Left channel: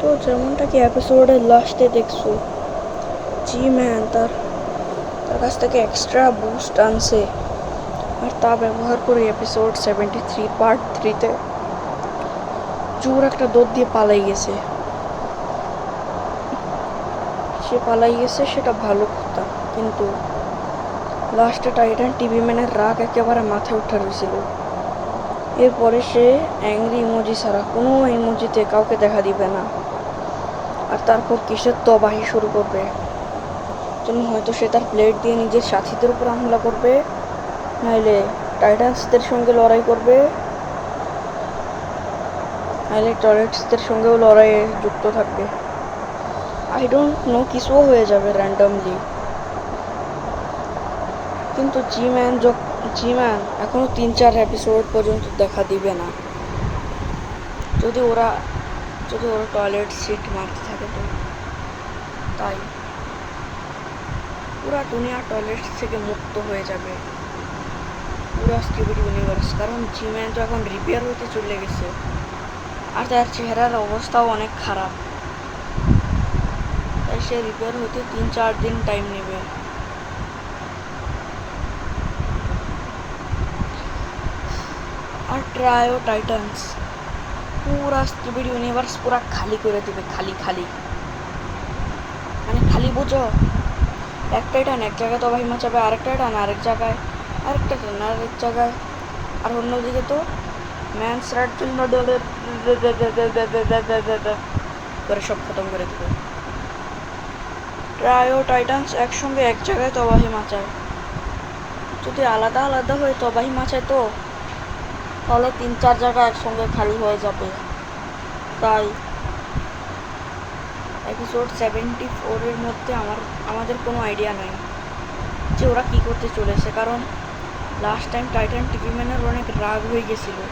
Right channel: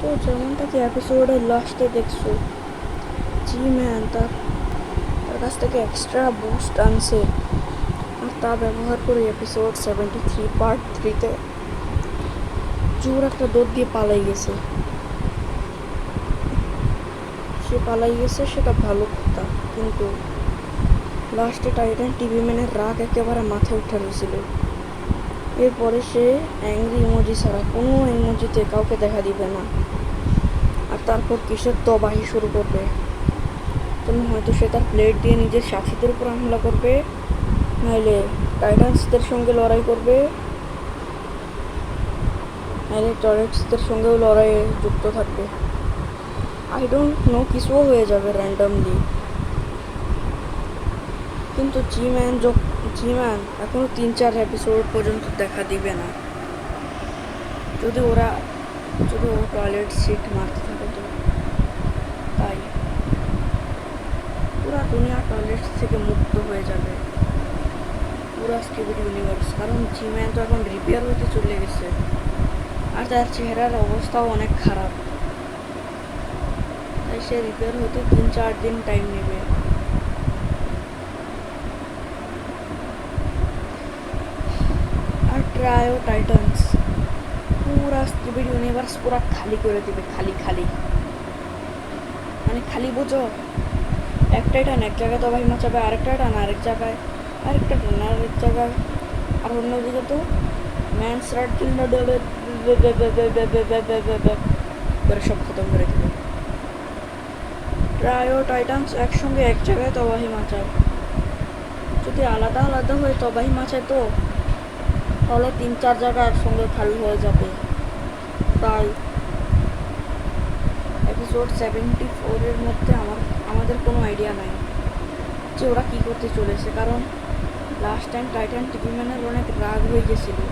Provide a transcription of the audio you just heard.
তো যেমনটা কি এপিসোডের লাস্টে দেখছো, জি ম্যান তার তার কাছ থেকে এক্সট্রা বুস্ট আনছে, আর তা ব্যবহার করে এপিসোড 73 পার্ট 3তে জোর একটা দৌড় দিয়ে পালাই গেছে। সে পালাই গেছে সেটা ভালো কথা, কিন্তু লাস্টে টাইটান টিভি ম্যানের রাগ একেবারে মাথায় উঠে রয়েছিল। এরপরে সে অ্যাংরি ইমোজি ছাড়া কোনো ইমোজিতে কাউকে দেখা দিবে না, আর তারপর কিসের তবাহি শুরু করবে। জন্য হয়তো সে তার প্লেট দিয়ে নিজের সাথীদের উপর হামলা করবে, নাইলে টাইটান্সদের সঙ্গে লড়াই করবে, নাইলে টরেটসদের সঙ্গেও লড়াইয়ে যুক্ত থাকবে। আই ডোন্ট নো, কিছুও হয়ে যাবে র্যান্ডমলি। কিন্তু জি ম্যান এখনও 3-4 এপিসোড পর্যন্ত দেখা দিবে না। যদি ওরা টয়লেট সিট মারতে থাকে তো। তাই পুরা দুনিয়া টয়লেট থেকে মুক্ত হয়ে যাবে, পুরা স্টিভিড ইউনিভার্স। কারণ জি ম্যান তো এখন রিপেয়ার হইতে চলে গেছে, আর তার চেহারার অবস্থাও অনেক খারাপ। তাই সে রিপেয়ার হইতে 3-4 দিন টাইম নেবে। আর ট্রায়ো টাইটান্স পুরা স্টিভিড ইউনিভার্স পুরা খালি করে দিবে, খালি খালি মানে খালি বোঝো। এক টাইটান এক জায়গায় তবাহি মাচাবে, আরেক টাইটান আরেক জায়গায়, আরেক টাইটান আরেক জায়গায়, আর অন্যদিকে তো ম্যান সার্টিল নডলের করে সব খতম করে দিবে। ট্রায়ো টাইটান্স একসঙ্গে এক জায়গায় তবাহি মাচায়। যদি আলাদা আলাদা হয়ে তবাহি মাচায় তো তাহলে 3-4 জায়গা একসঙ্গে খালি হয়ে যাবে। তাই এপিসোড 74-এর মধ্যে আমাদের কোনো আইডিয়া নাই যে ওরা কী করতে চলেছে। কারণ লাস্ট টাইম টাইটান টিভি ম্যানের অনেক রাগ হয়ে গেছিলো,